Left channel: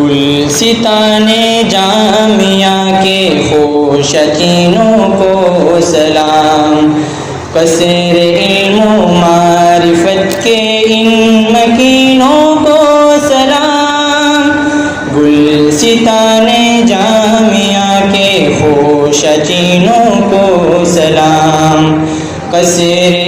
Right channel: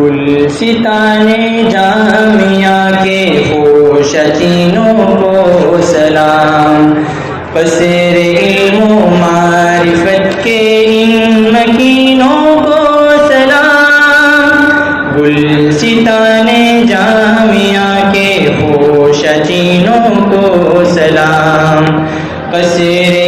گلستان جامعہ کے خوش چینوں کو سلام، قصر علم و معرفت کے ان مکینوں کو سلام، گلستان جامعہ کے خوش چینوں کو سلام، قصر